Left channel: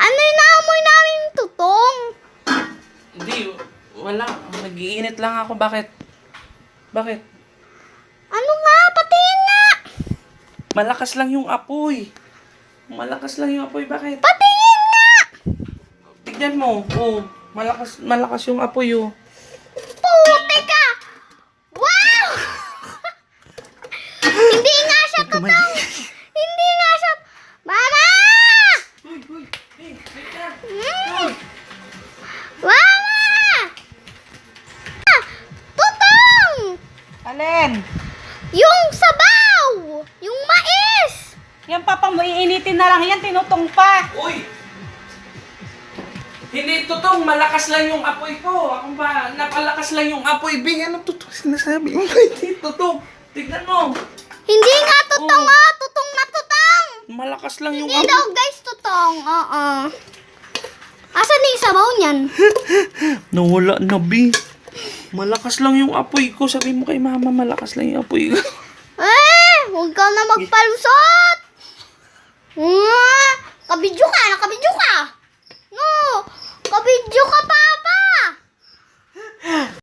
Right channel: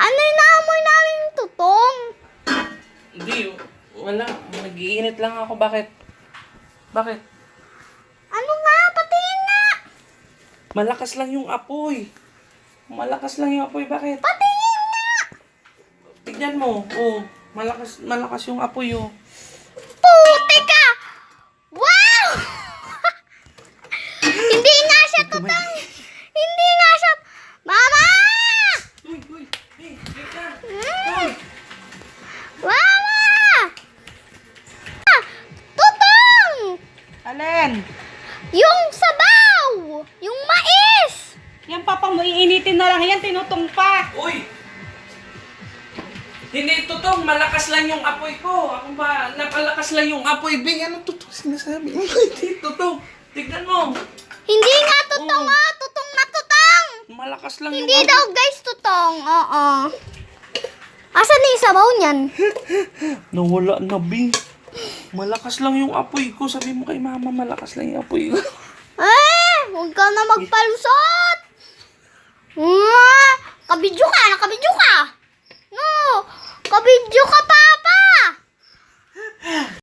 Ano yung naamoy namin tutong? Hindi, wala. Nag-iinit lang ako. Bakit? Bakit? Ano nga? Patingin nga! Malakas lang yung apoy. Malakas lang yung apoy. Bakit? Patingin nga! Tignan mo. Oh, malakas yung apoy, oh. Puti ka! Wow! Hindi nga siya tutong! Hindi nga siya... Mama! Uy, uy. Hey, hey ka. Mm. Mama! Ah, tutong! Alin? Yung sabaw! Yung mais! Yan papa mo, iinitin na lang yan, tinutong pa. Uy! Hindi totoo, malakas lang yung apoy ko. Ako ba, napalakas lang yung apoy. Bing, ano totoo sinasabi mo? Hindi totoo. Tignan mo. Hindi nga tutong tutong na tutong! Malakas lang yung Hindi apoy. daw guys tutong, oo. Asan na yung sabaw niyan? Nawala na, Bing. Malakas lang yung apoy ko. Sabi mo kay mama, malakas lang yung apoy ko. Huwag ka na magpalusot! Kabidyo ka